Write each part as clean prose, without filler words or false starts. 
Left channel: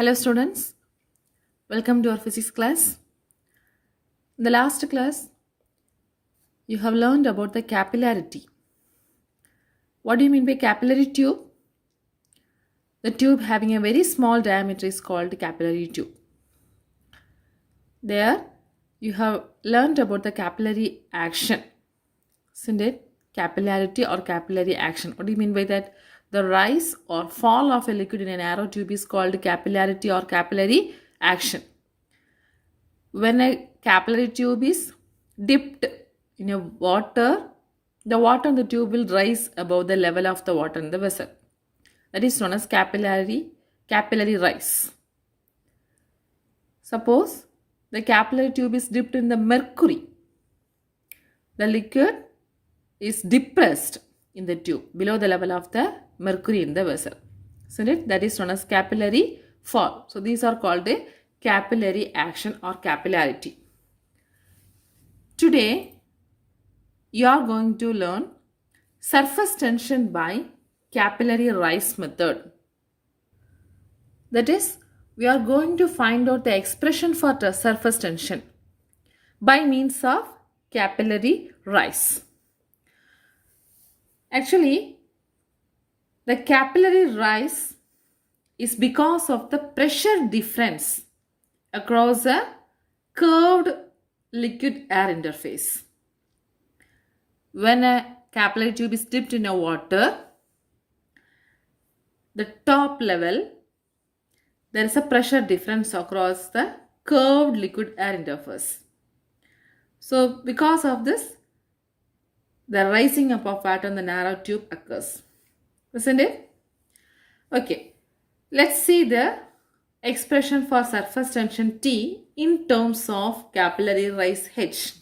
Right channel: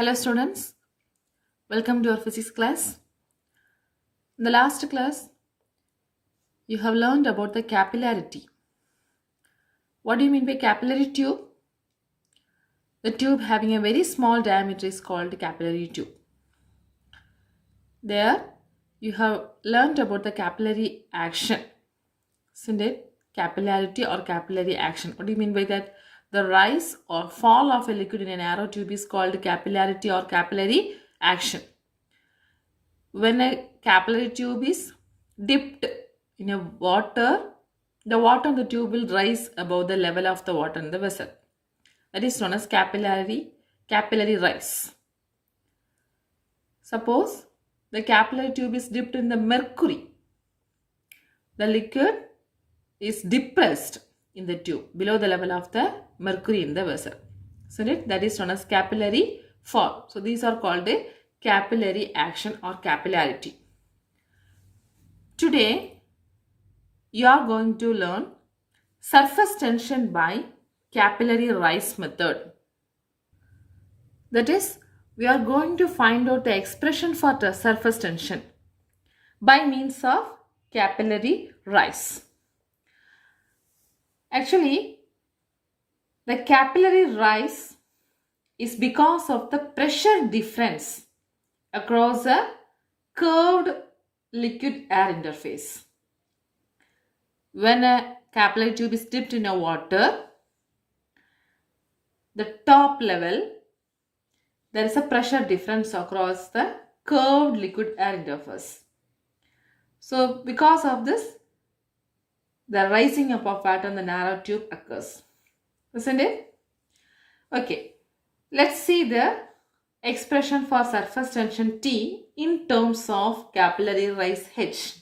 Hello students, welcome to our physics class. In the last class, you have learned about the capillarity. What do you mean by capillary tube? The tube having a very small diameter is called capillary tube. There, you have learned about the capillary action, isn't it? Capillarity or capillary action. What do you mean by that? The rise or fall of a liquid in a narrow tube is called capillarity or capillary action. When a capillary tube is dipped in a water, the water in the tube will rise above the level of the water in the vessel. That is known as capillary rise. Suppose the capillary tube is dipped in the mercury. The liquid is depressed in the tube below the level of the mercury in the vessel. Isn't it? That is known as capillary fall. So these are called a capillary action or capillarity. Today, you are going to learn surface tension by capillary rise method. That is, we are going to find out the expression for the surface tension by means of capillary rise. Actually, the capillary rise is because of the pressure difference across a curved liquid air interface. When a capillary tube is dipped in a water, the top level, there is a pressure difference across the curved liquid air interface. So because of this, the rising up of water on the narrow tube occurs. Isn't it? Okay. Let's see the expression for surface tension T in terms of capillary rise H.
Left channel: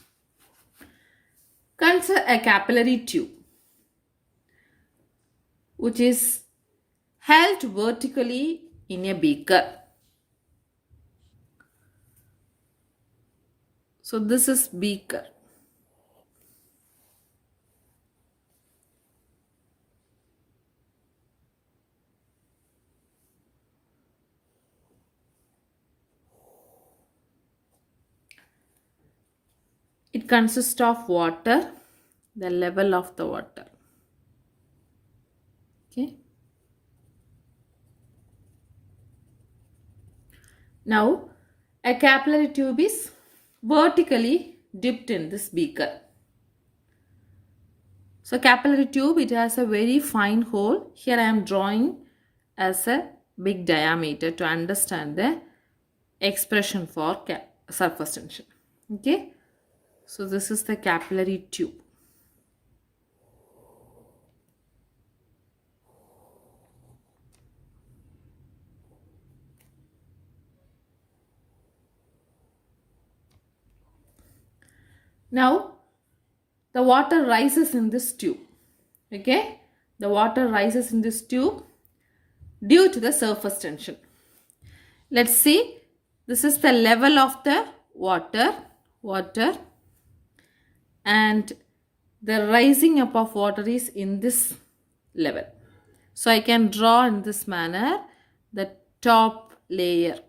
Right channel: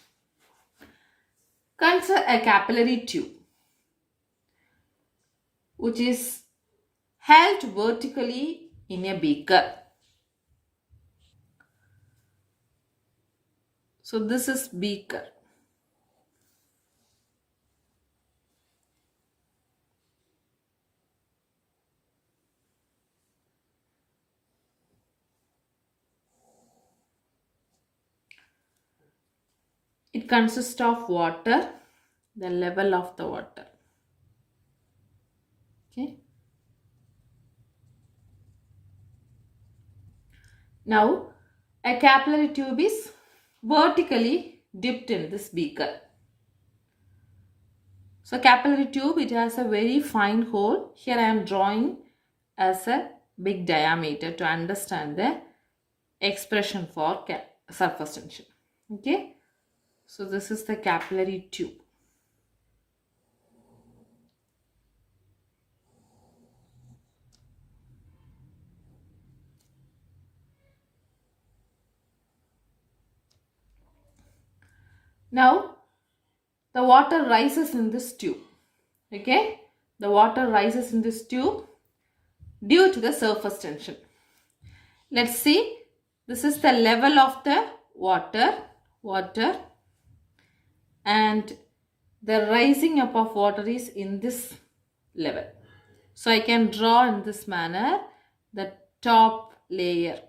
Consider a capillary tube which is held vertically in a beaker. So this is beaker. It consists of water, the level of the water. Okay. Now, a capillary tube is vertically dipped in this beaker. So, capillary tube, it has a very fine hole. Here I am drawing as a big diameter to understand the expression for surface tension. Okay. So, this is the capillary tube. Now, the water rises in this tube. Okay. The water rises in this tube due to the surface tension. Let's see. This is the level of the water. And the rising up of water is in this level. So I can draw in this manner the top layer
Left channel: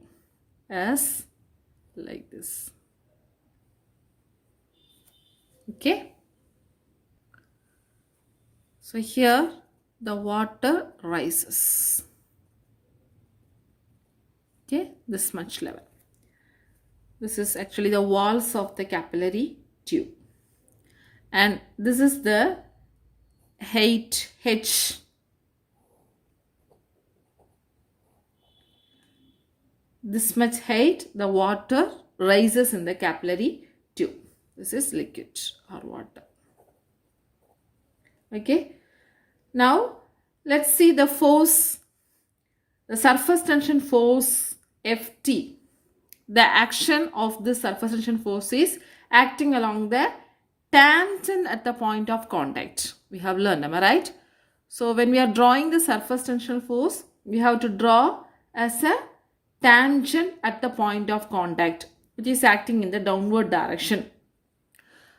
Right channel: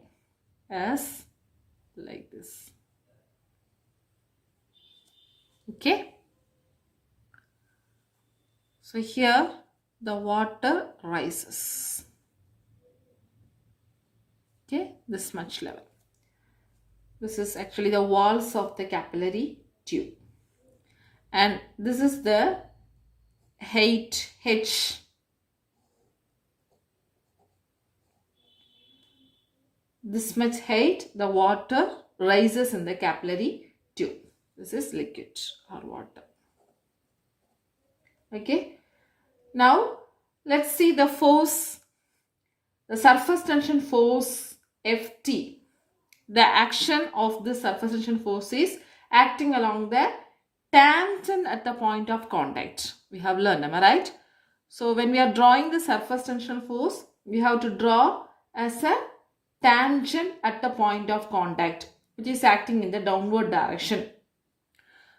as like this. Okay. So here the water rises. Okay, this much level. This is actually the walls of the capillary tube. And this is the height H. This much height, the water rises in the capillary tube. This is liquid or water. Okay. Now, let's see the force, the surface tension force Ft. The action of the surface tension force is acting along the tangent at the point of contact. We have learned, am I right? So when we are drawing the surface tension force, we have to draw as a tangent at the point of contact, which is acting in the downward direction.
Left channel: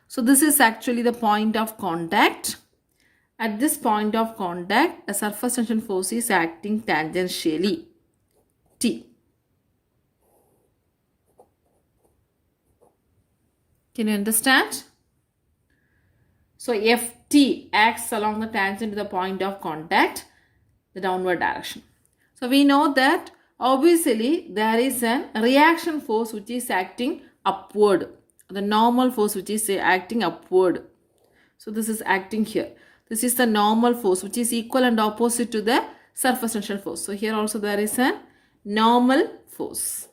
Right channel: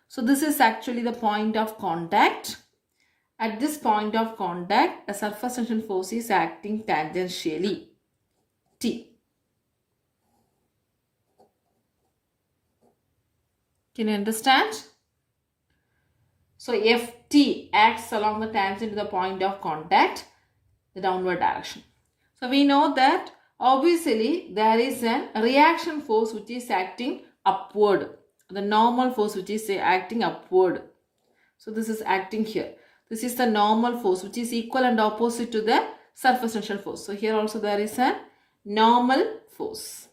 So this is actually the point of contact. At this point of contact, a surface tension force is acting tangentially, T. Can you understand? So Ft acts along the tangent to the point of contact, the downward direction. So we know that obviously there is a reaction force which is acting upward. The normal force which is acting upward. So this is acting here. This is the normal force which is equal and opposite to the surface tension force. So here also there is a normal force.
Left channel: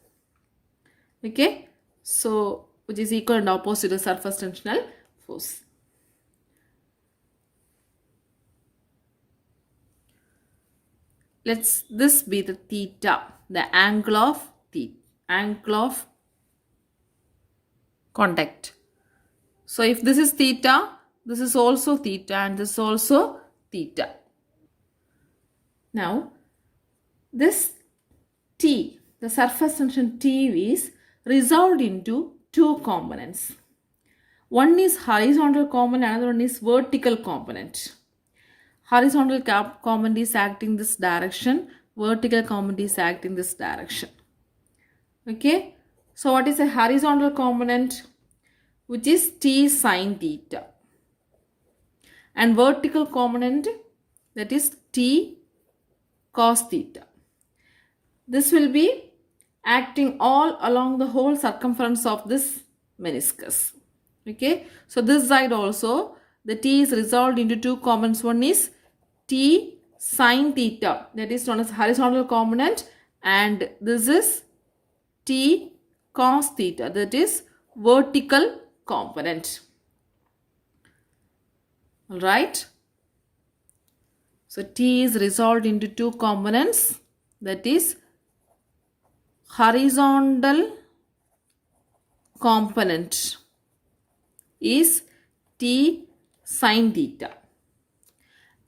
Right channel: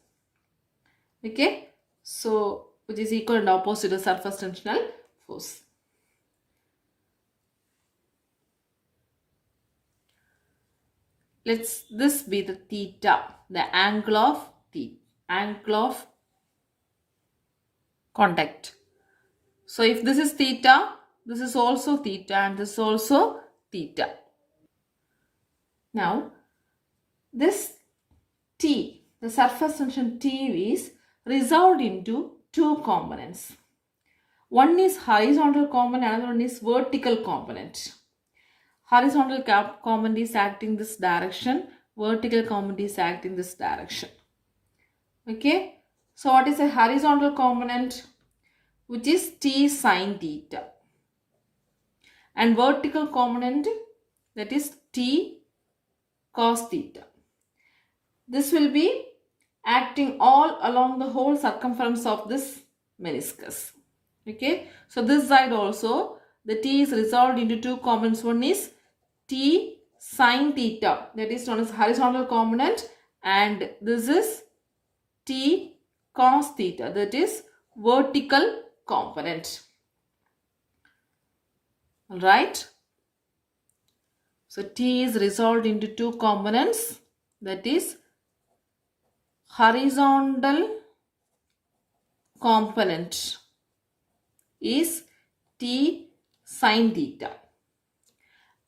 Okay. So which is equal and opposite to the surface tensional force. Let's this be the theta, the angle of contact. So if this is theta, this is also theta and this is also theta. Now this T, the surface tension T is resolved into two components. One is horizontal component, another one is vertical component. Horizontal component is acting this direction, vertical component is acting this direction. Okay, so what is a horizontal component? Which is T sine theta, and vertical component, that is T cos theta. This will be acting all along the whole circumference of this meniscus. Okay, so this side also the T is resolved into two components. One is T sine theta, that is known as horizontal component, and this is T cos theta, that is vertical component. Alright. So T is resolved into two components, that is horizontal component is T sine theta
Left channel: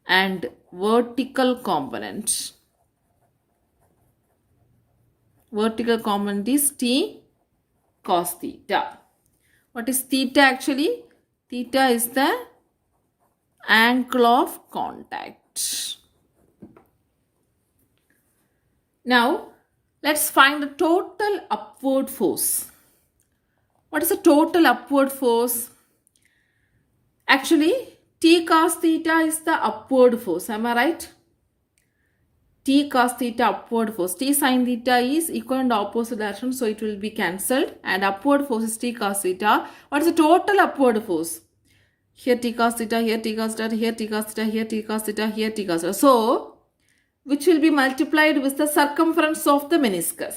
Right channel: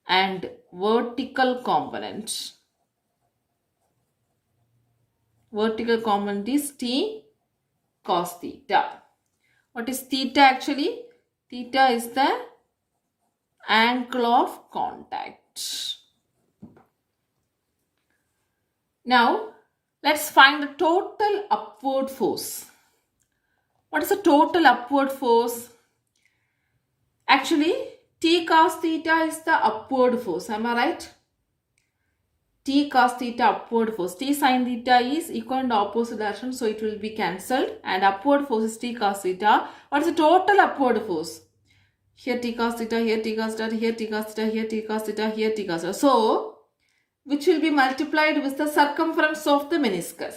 and vertical component is T cos theta. What is theta actually? Theta is the angle of contact. Now let's find the total upward force. What is the total upward force? Actually, T cos theta is the upward force. Am I right? T cos theta upward force. T sin theta is equal and opposite direction, so it will be cancelled. And upward force is T cos theta. What is the total upward force? Here T cos theta, here T cos theta, here T cos theta, here T cos theta, here T cos theta. So, which will be multiplied with the circumference of the meniscus.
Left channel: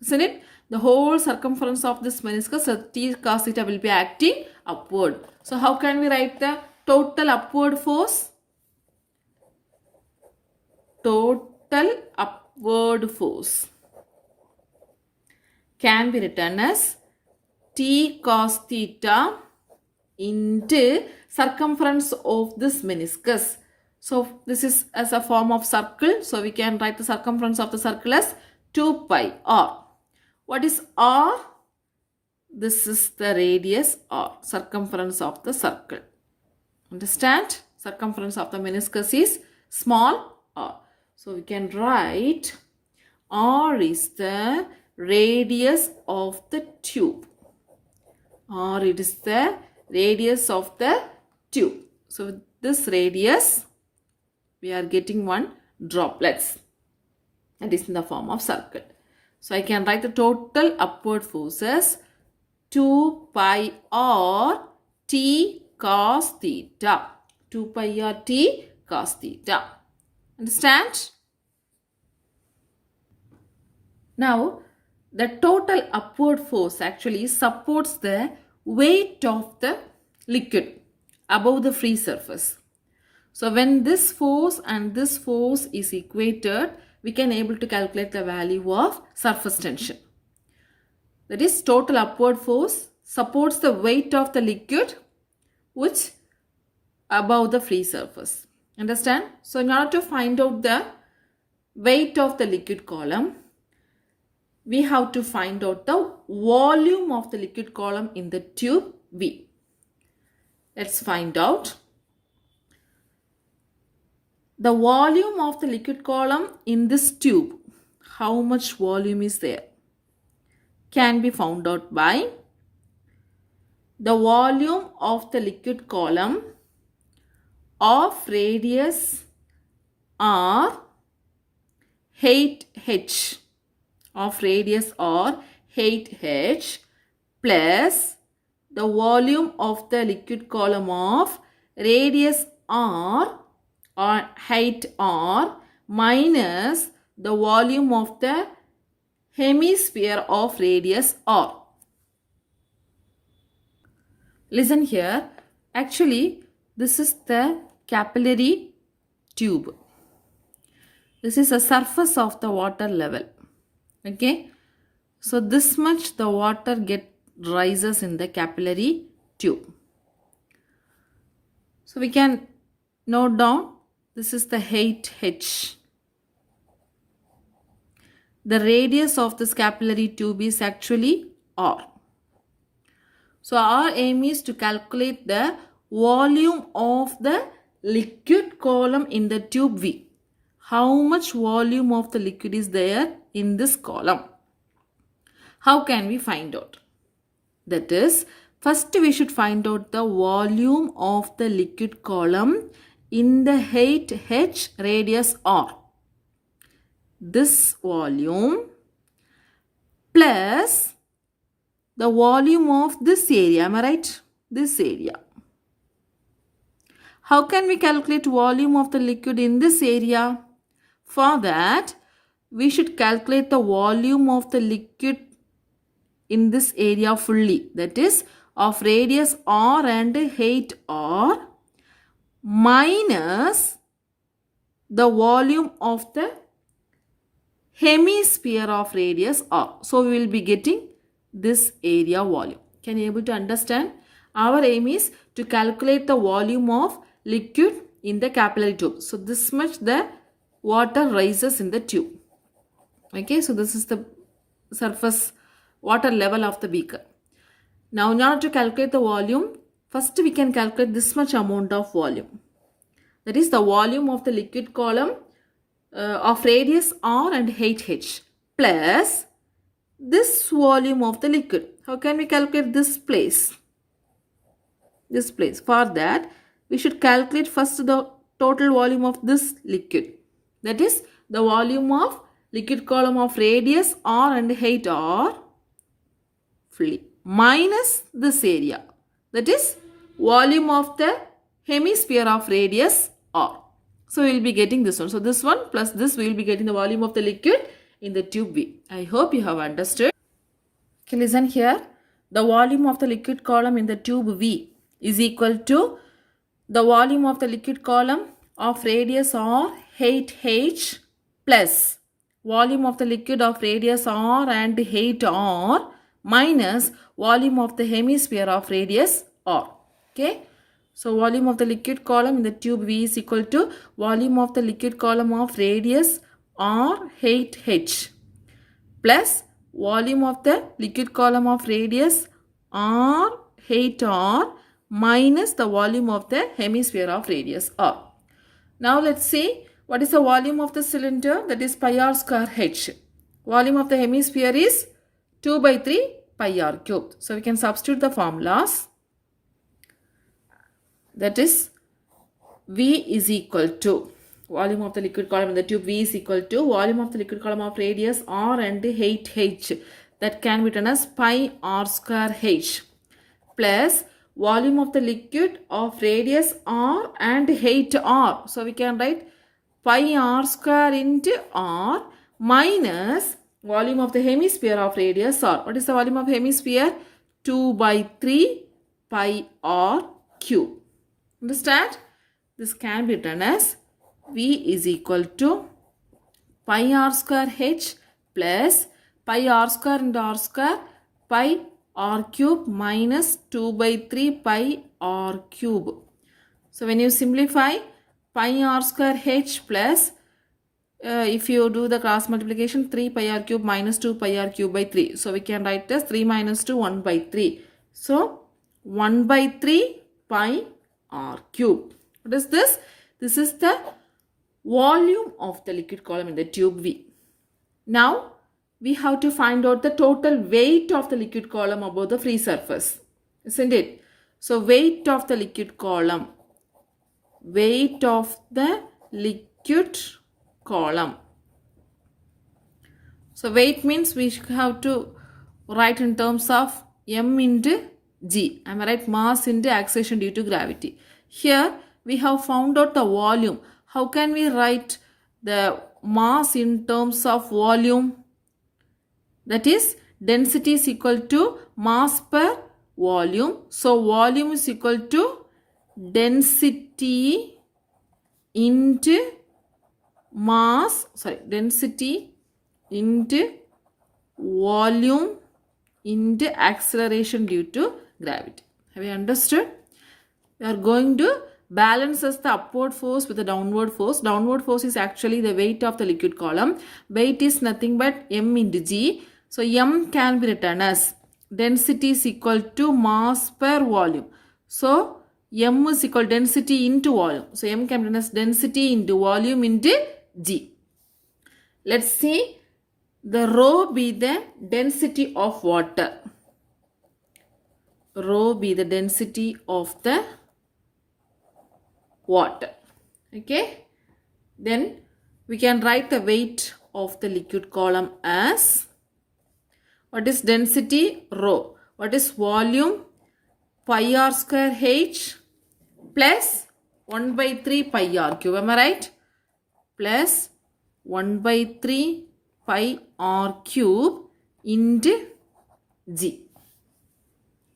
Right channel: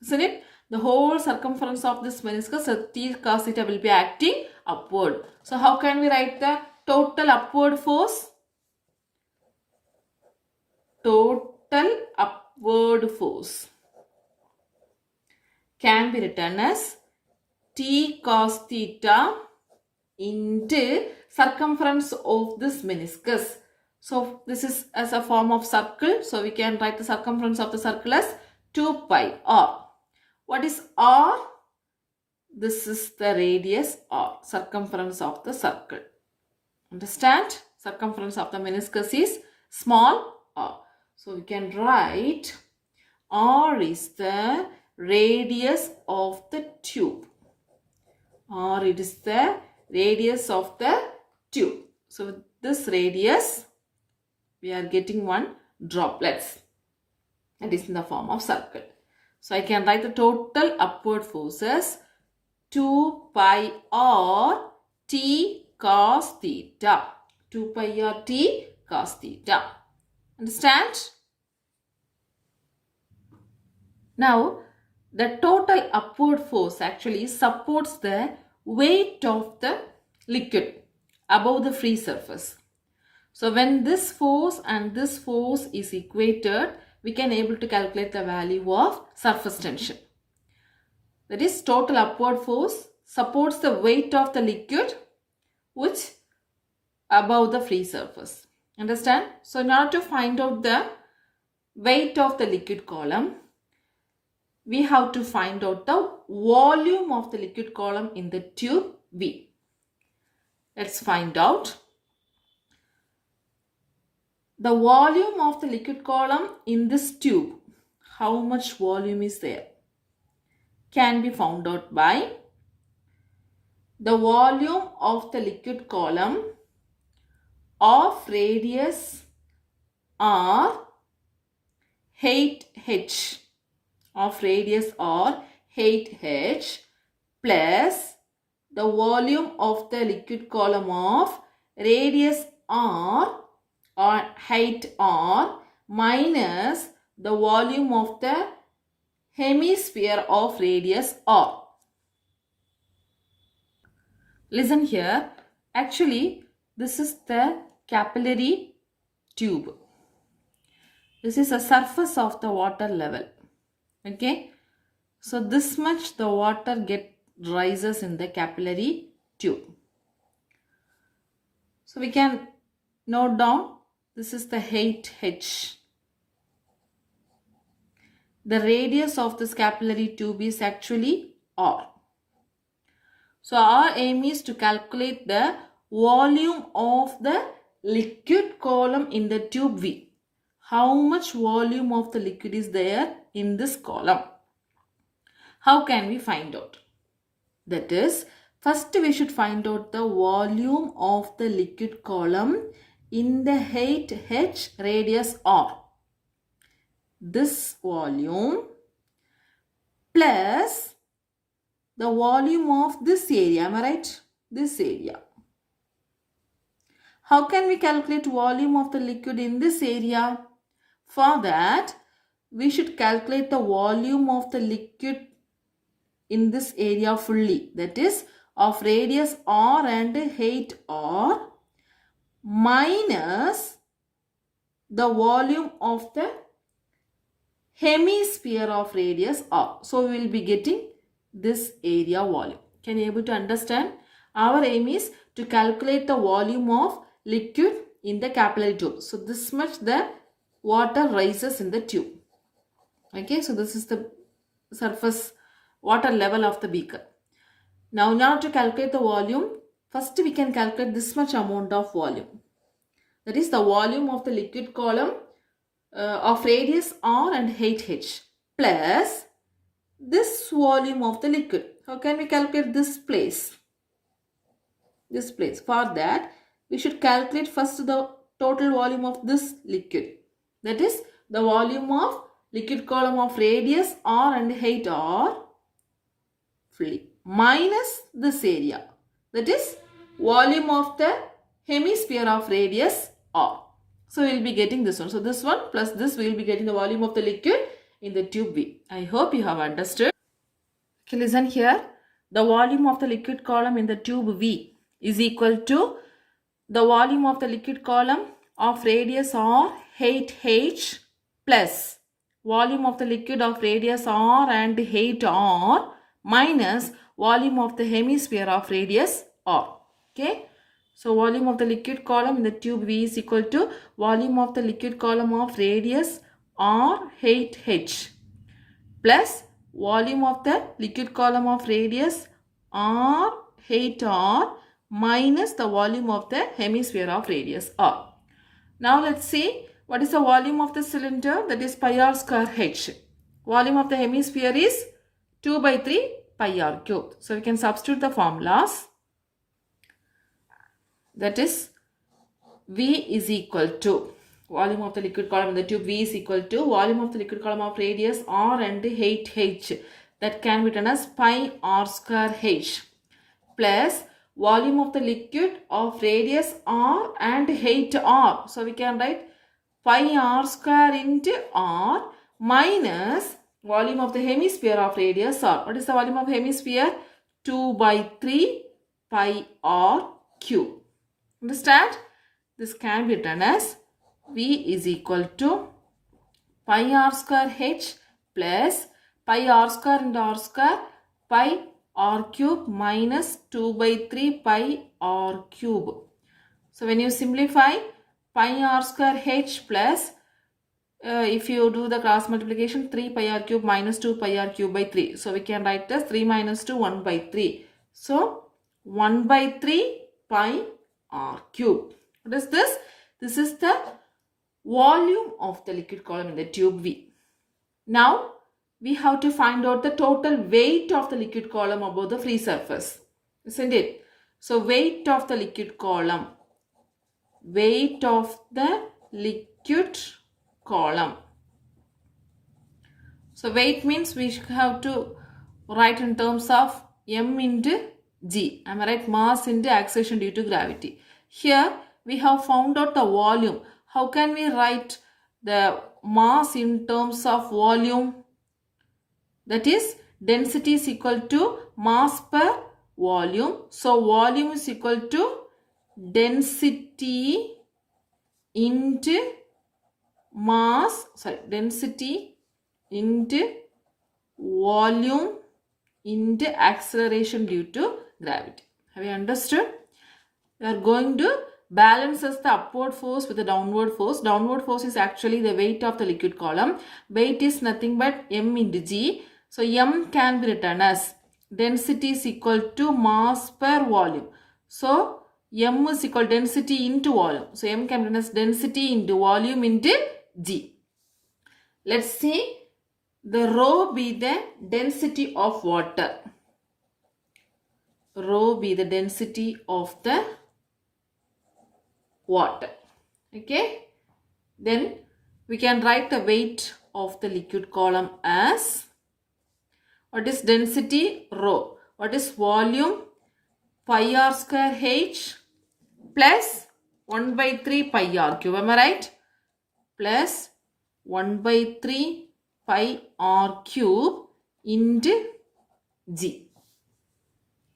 Isn't it? The whole circumference of this meniscus, so T cos theta will be acting upward. So, how can we write the total upward force? Total upward force can be written as T cos theta into circumference of this meniscus. So this is as a form of circle. So we can write the circumference of the circle as 2 pi r. What is r? This is the radius r, circumference of the circle. Understand? Circumference of the meniscus is small r. So we can write r is the radius of the tube. R it is the radius of the tube. So with this radius, we are getting one droplets. That is in the form of circle. So I can write the total upward forces 2 pi r T cos theta. 2 pi r T cos theta. Understand? Now, the total upward force actually supports the weight of the liquid above the free surface. So when this force and this force is equated, we can able to calculate the value of surface tension. That is, total upward force supports the weight of the liquid which above the free surface. Understand? So in order to find out the weight of the liquid column, we have to find out the volume of the liquid column in the tube V. Let's find out. The volume of the liquid column in this tube, how much volume is there, can be found out by the volume of the liquid column of radius r 8h of radius r 8h plus the volume of the liquid column of radius r or height r minus the volume of the hemisphere of radius r. Listen here. Actually, this is the capillary tube. This is the surface of the water level. Okay. So this much the water rises in the capillary tube. So we can note down this is the 8h. The radius of this capillary tube is actually r. So our aim is to calculate the volume of the liquid column in the tube V. How much volume of the liquid is there in this column? How can we find out? That is, first we should find out the volume of the liquid column in the 8h radius r. This volume plus the volume of this area, am I right? This area. How can we calculate volume of the liquid in this area? For that, we should calculate the volume of the liquid in this area fully. That is, of radius r and height r minus the volume of the hemisphere of radius r. So, we will be getting this area volume. Can you able to understand? Our aim is to calculate the volume of liquid in the capillary tube. So this much the water rises in the tube. Okay, so this is the surface water level of the beaker. Now in order to calculate the volume, first we can calculate this much amount of volume. That is the volume of the liquid column of radius r and height h plus this volume of the liquid. How can we calculate this place? This place. For that, we should calculate first the total volume of this liquid. That is the volume of liquid column of radius r and height r fully minus this area. That is volume of the hemisphere of radius r. So we will be getting this one. So this one plus this, we will be getting the volume of the liquid in the tube V. I hope you have understood. Okay, listen here. The volume of the liquid column in the tube V is equal to the volume of the liquid column of radius r 8h plus volume of the liquid of radius r and height r minus volume of the hemisphere of radius r. Okay. So volume of the liquid column in the tube V is equal to volume of the liquid column of radius r 8h plus volume of the liquid column of radius r 8r minus the volume of the hemisphere of radius r. Now let's see what is the volume of the cylinder, that is pi r square h. Volume of the hemisphere is 2 by 3 pi r cubed. So we can substitute the formulas. That is V is equal to volume of the liquid column in the tube V is equal to volume of the liquid column of radius r and 8h, that can be written as pi r square h plus volume of the liquid of radius r and height r. So we can write pi r square into r minus volume of the hemisphere of radius r. What is the volume of hemisphere? 2 by 3 pi r cube. Understand? This can be written as V is equal to pi r square h plus pi r square into r square pi r cube minus 2 by 3 pi r cube. So when you simplify pi r square h plus if you do the cross multiplication 3 pi r cube minus 2 pi r cube by 3. So we can write this 3 minus 2 1 by 3. So 1 by 3 pi r cube. What is this? This is the volume of the liquid column in the tube V. Now we have to find out the total weight of the liquid column above the free surface. isn't it? So weight of the liquid column. Weight of the liquid column. So weight means we have to write in terms of m into g. Am I right? Mass into acceleration due to gravity. Here we have found out the volume. How can we write the mass in terms of volume? That is, density is equal to mass per volume. So volume is equal to density into mass, density into volume into acceleration due to gravity. Have you understood? We are going to balance the upward force with the downward force. Downward force is actually the weight of the liquid column. Weight is nothing but m into g. So m can be written as density is equal to mass per volume. So m is equal to density into volume. So m can be written as density into volume into g. Let's see the rho be the density of water. Rho be the density of the water. Okay. Then we can write the weight of the liquid column as, what is density? Rho. What is volume? Pi r square h plus 1 by 3 pi r cube. Am I right? Plus 1 by 3 pi r cube into g.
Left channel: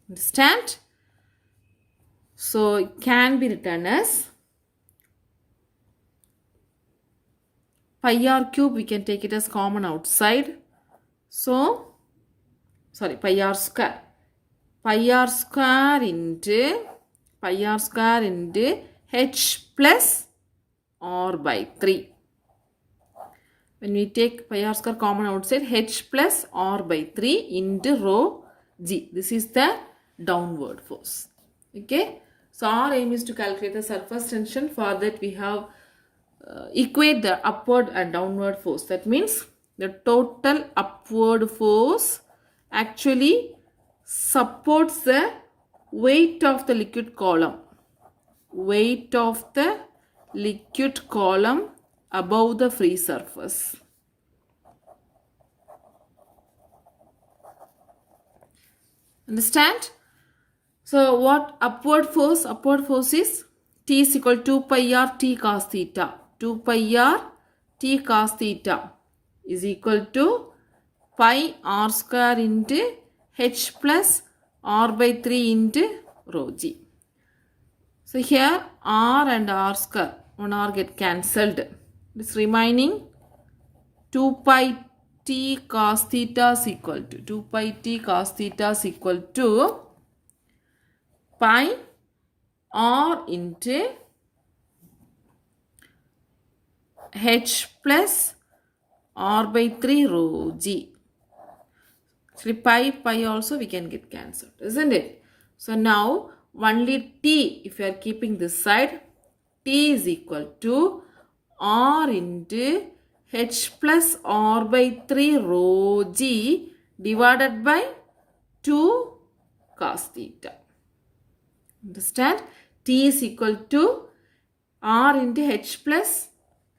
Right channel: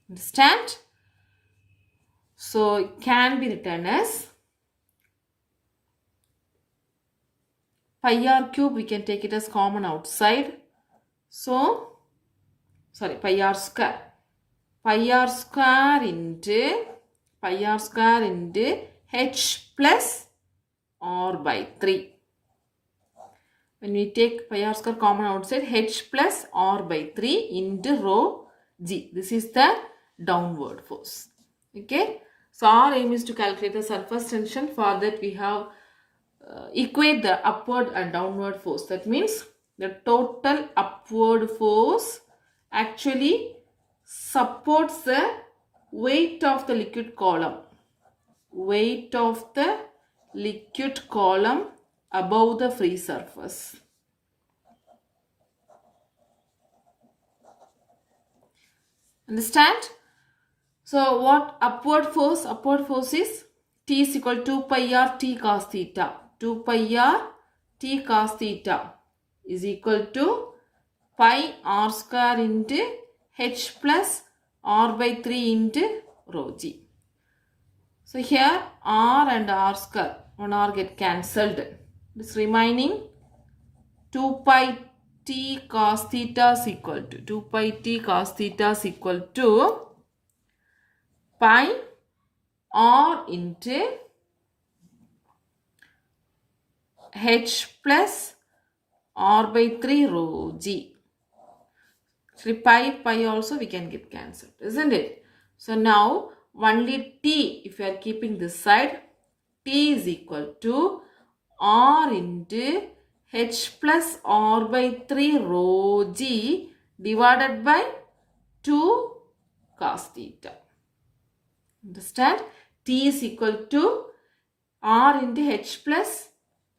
Understand? So it can be written as pi r cube. We can take it as common outside. So pi r square. Pi r square into h plus r by 3. When we take pi r square common outside, h plus r by 3 into rho g. This is the downward force. Okay. So our aim is to calculate the surface tension. For that we have equate the upward and downward force. That means the total upward force actually supports the weight of the liquid column. Weight of the liquid column above the free surface. Understand? So what upward force? Upward force is T is equal to 2 pi r T cos theta. 2 pi r T cos theta is equal to pi r square into h plus r by 3 into rho g. So here r and r square, 1 r get cancelled. This remaining 2 pi t cos theta is equal to 2 pi t cos theta is equal to pi r into h plus r by 3 rho g. Actually pi also we can get cancelled, isn't it? So now only t, if you are keeping this side, t is equal to r into h plus r by 3 rho g divided by 2 cos theta. Understand? T is equal to r into h plus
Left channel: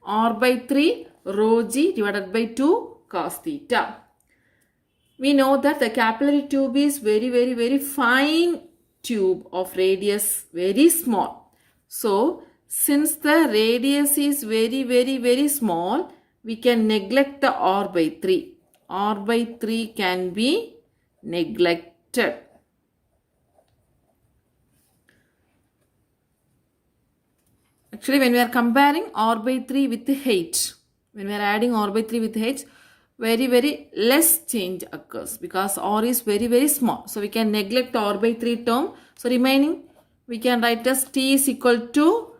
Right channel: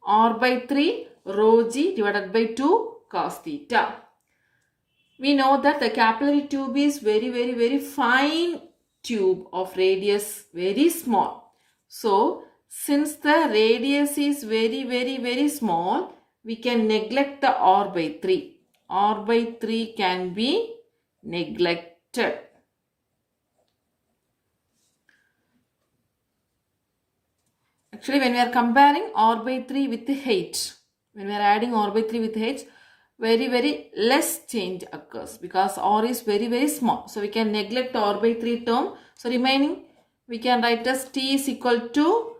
r by 3 rho g divided by 2 cos theta. We know that the capillary tube is very fine tube of radius, very small. So since the radius is very small, we can neglect the r by 3. R by 3 can be neglected. Actually, when we are comparing r by 3 with h, when we are adding r by 3 with h, very less change occurs because r is very small. So we can neglect r by 3 term. So remaining we can write as t is equal to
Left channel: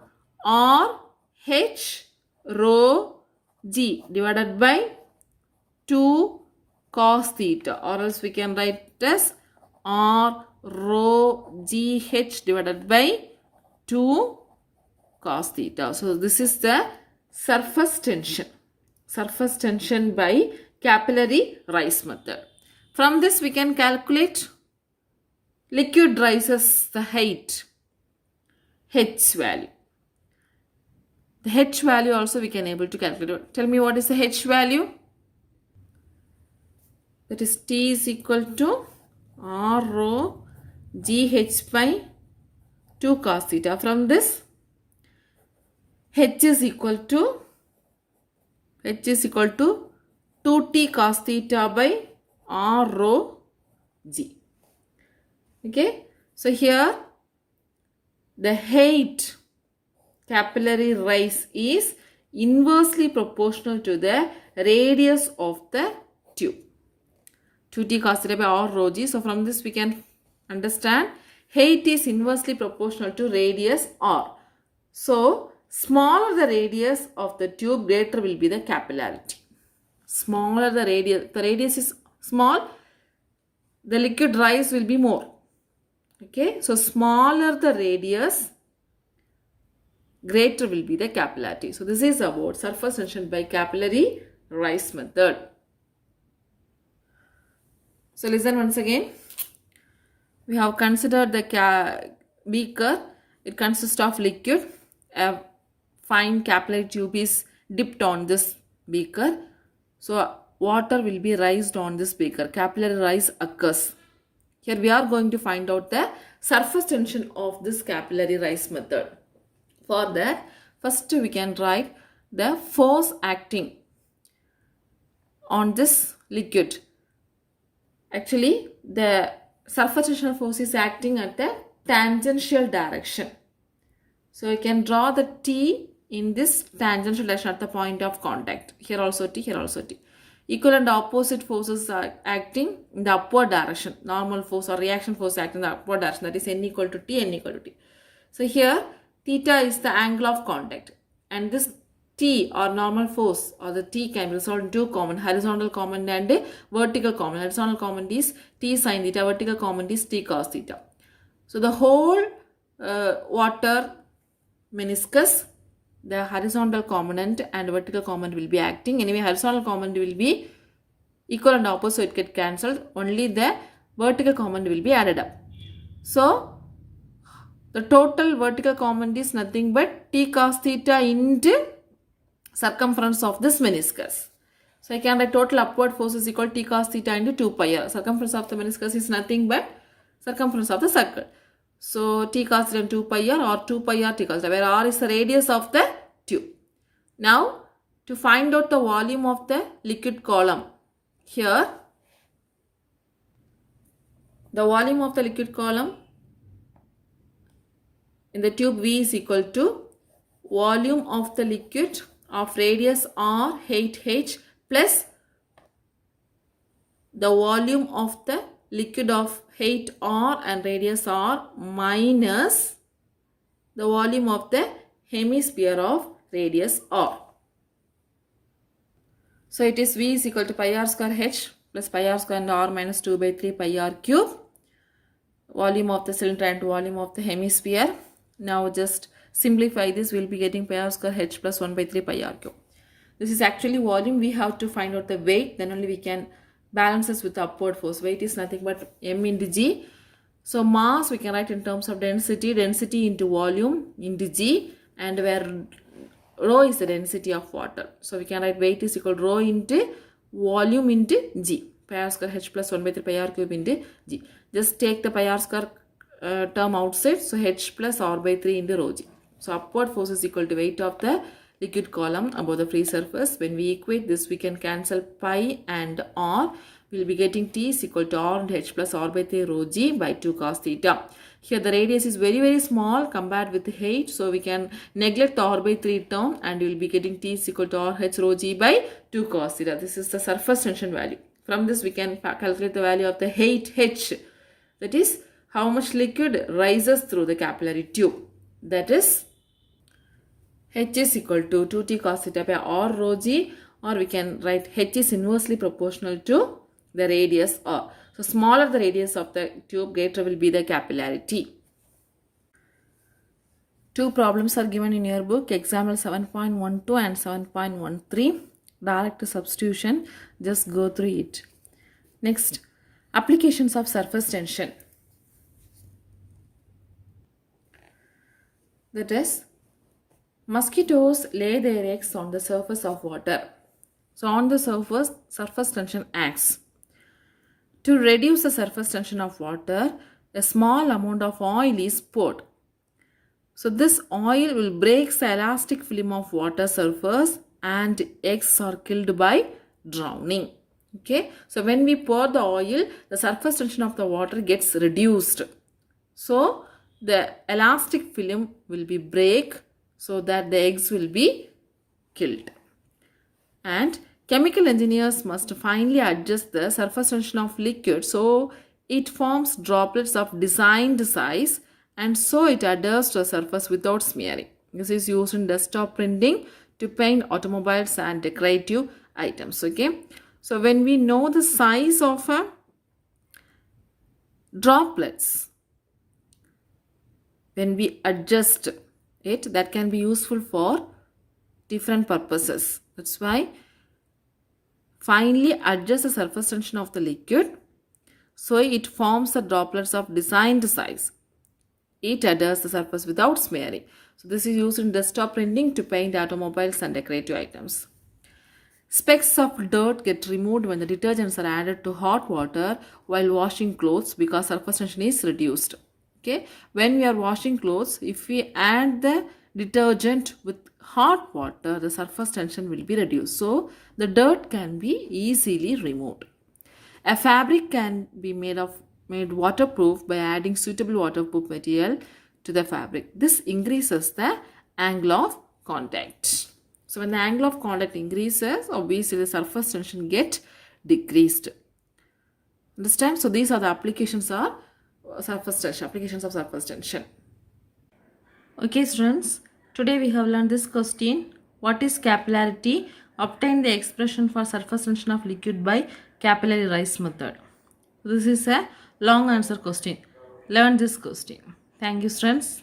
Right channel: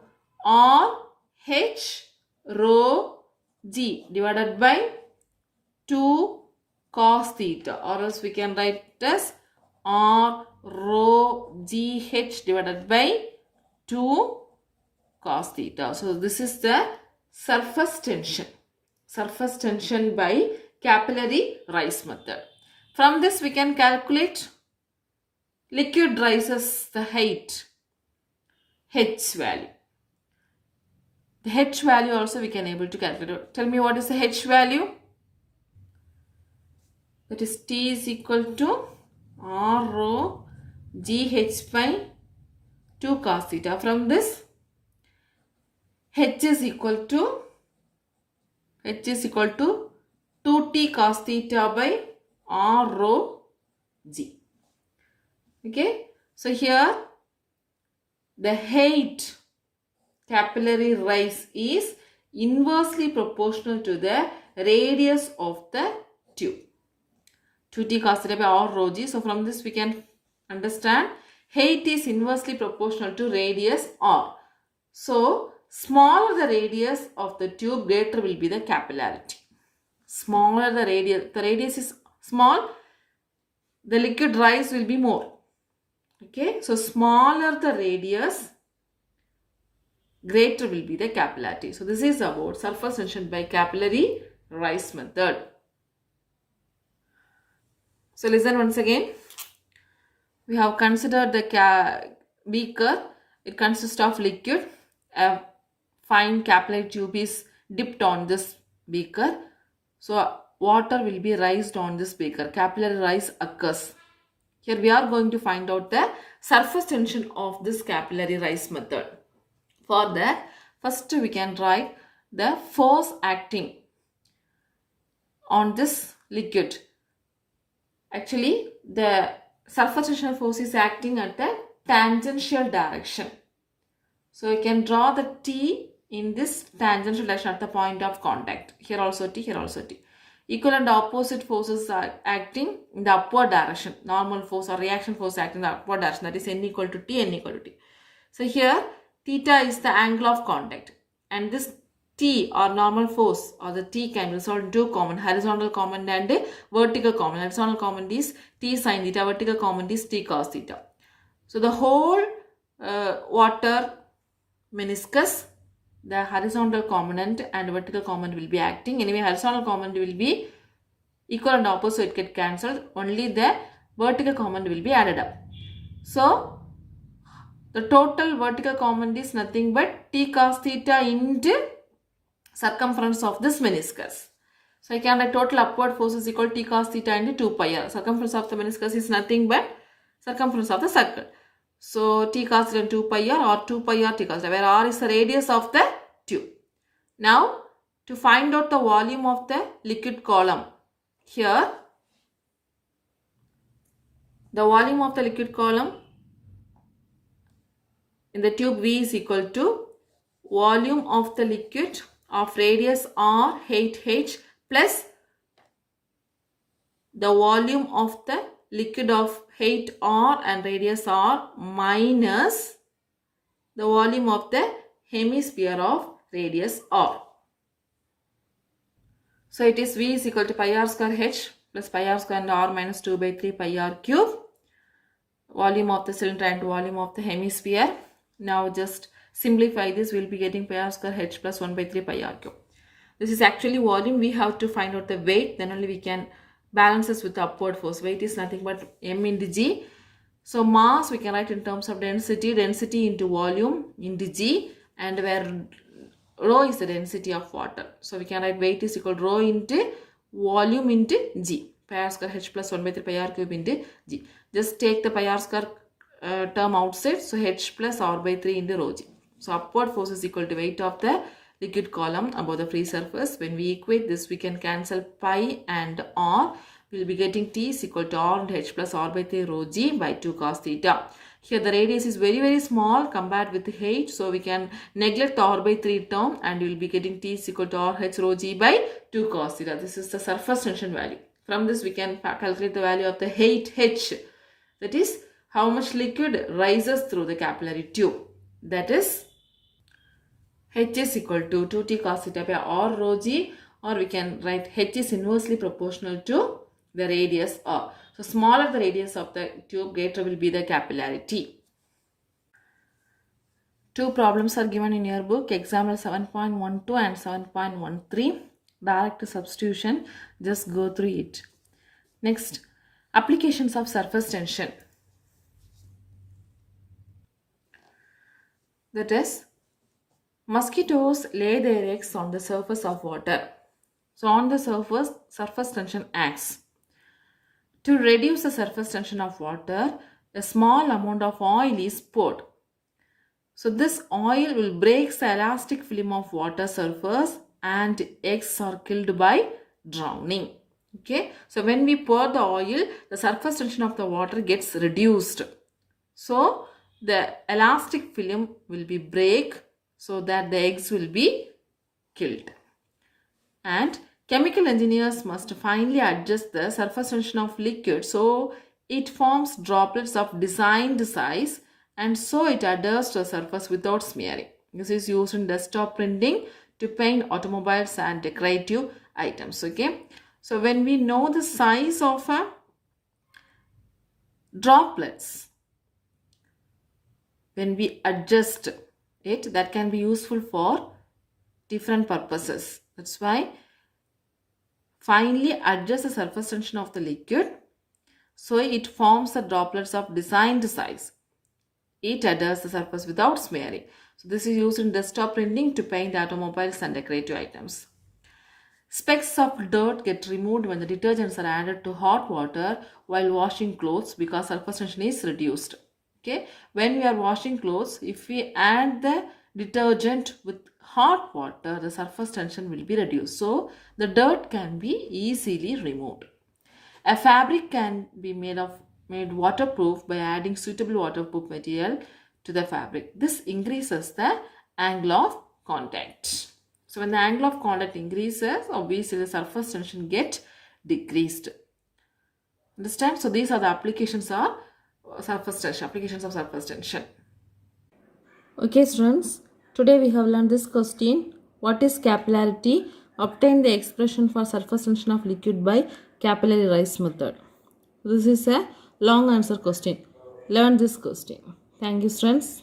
r h rho g divided by 2 cos theta, or else we can write as r rho g h divided by 2 cos theta. So this is the surface tension. Surface tension by capillary rise method. From this we can calculate liquid rises the height, H value. The H value also we can able to calculate. Tell me what is the H value? That is T is equal to R rho GH by 2 cos theta. From this, H is equal to 2T cos theta by R rho G. Okay. So here the height capillary rise is inversely proportional to the radius of the tube. 2T cos theta by R rho G. So from this we can understand height is inversely proportional to radius R. So smaller the radius of the tube, greater will be the capillarity. Smaller the radius is small, the liquid rise will be more. Okay, so smaller the radius, greater will be the capillarity. So this is about surface tension by capillary rise method. So listen once again. We have considered the beaker. It consists of liquid. A fine capillary tube is dipped on this beaker. So water will be raised on this beaker. Capillary rise occurs. Here we are going to find out the surface tension of this capillary rise method. For that, first we can write the force acting on this liquid. Actually, the surface tension force is acting at the tangential direction. So you can draw the T in this tangential direction at the point of contact. Here also T, here also T. Equal and opposite forces are acting in the upward direction. Normal force or reaction force acting in the upward direction. That is N equal to T, N equal to T. So here theta is the angle of contact. And this T or normal force or the T can result in two components, horizontal component and vertical component. Horizontal component is T sin theta, vertical component is T cos theta. So the whole water meniscus, the horizontal component and vertical component will be acting. Anyway, horizontal component will be equal and opposite get cancelled. Only the vertical component will be added up. So the total vertical component is nothing but T cos theta into circumference of this meniscus. So I can write total upward force is equal to T cos theta into 2 pi r. Circumference of the meniscus is nothing but circumference of the circle. So T cos theta into 2 pi r or 2 pi r T cos theta, where r is the radius of the tube. Now to find out the volume of the liquid column, here the volume of the liquid column in the tube V is equal to volume of the liquid of radius r, height h plus the volume of the liquid of height r and radius r minus the volume of the hemisphere of radius r. So it is V is equal to pi r square h plus pi r square and r minus 2 by 3 pi r cube. Volume of the cylinder and volume of the hemisphere. Now just simplify this, we will be getting pi r square h plus 1 by 3 pi r cube. This is actually volume. We have to find out the weight, then only we can balance this with the upward force. Weight is nothing but m into g. So mass we can write in terms of density, density into volume into g, and where rho is the density of water. So we can write weight is equal to rho into volume into g. Pi r square h plus 1 by 3 pi r cube into g. Just take the pi r square term outside. So h plus r by 3 into rho g. So upward force is equal to weight of the liquid column above the free surface. When we equate this, we can cancel pi and r. We will be getting T is equal to r into h plus r by 3 rho g by 2 cos theta. Here the radius is very small compared with the height. So we can neglect the r by 3 term and we will be getting T is equal to r h rho g by 2 cos theta. This is the surface tension value. From this we can calculate the value of the height h. That is how much liquid rises through the capillary tube. That is h is equal to 2t cos theta by r rho g, or we can write h is inversely proportional to the radius r. So smaller the radius of the tube, greater will be the capillarity. Two problems are given in your book, example 7.12 and 7.13. Direct substitution, just go through it. Next, applications of surface tension. That is, mosquitoes lay their eggs on the surface of water. So on the surface tension acts. To reduce the surface tension of water, a small amount of oil is poured. So this oil will break the elastic film of water surface and eggs are killed by drowning. Okay, so when we pour the oil, the surface tension of the water gets reduced. So the elastic film will be break so that the eggs will be killed. And chemical engineers must finely adjust the surface tension of liquid so it forms droplets of designed size and so it adheres to the surface without smearing. This is used in desktop printing to paint automobiles and decorative items. Okay, so when we know the size of droplets, when we adjust it, that can be useful for different purposes. That's why finely adjust the surface tension of the liquid so it forms the droplets of designed size. It adheres the surface without smearing. So this is used in desktop printing to paint automobiles and decorative items. Specks of dirt get removed when the detergents are added to hot water while washing clothes because surface tension is reduced. Okay, when we are washing clothes, if we add the detergent with hot water, the surface tension will be reduced. So the dirt can be easily removed. A fabric can be made waterproof by adding suitable waterproof material to the fabric. This increases the angle of contact. So when the angle of contact increases, obviously the surface tension get decreased. Understand? So these are the applications of surface tension. Okay students, today we have learned this question. What is capillarity? Obtain the expression for surface tension of liquid by capillary rise method. This is a long answer question. Learn this question. Thank you students.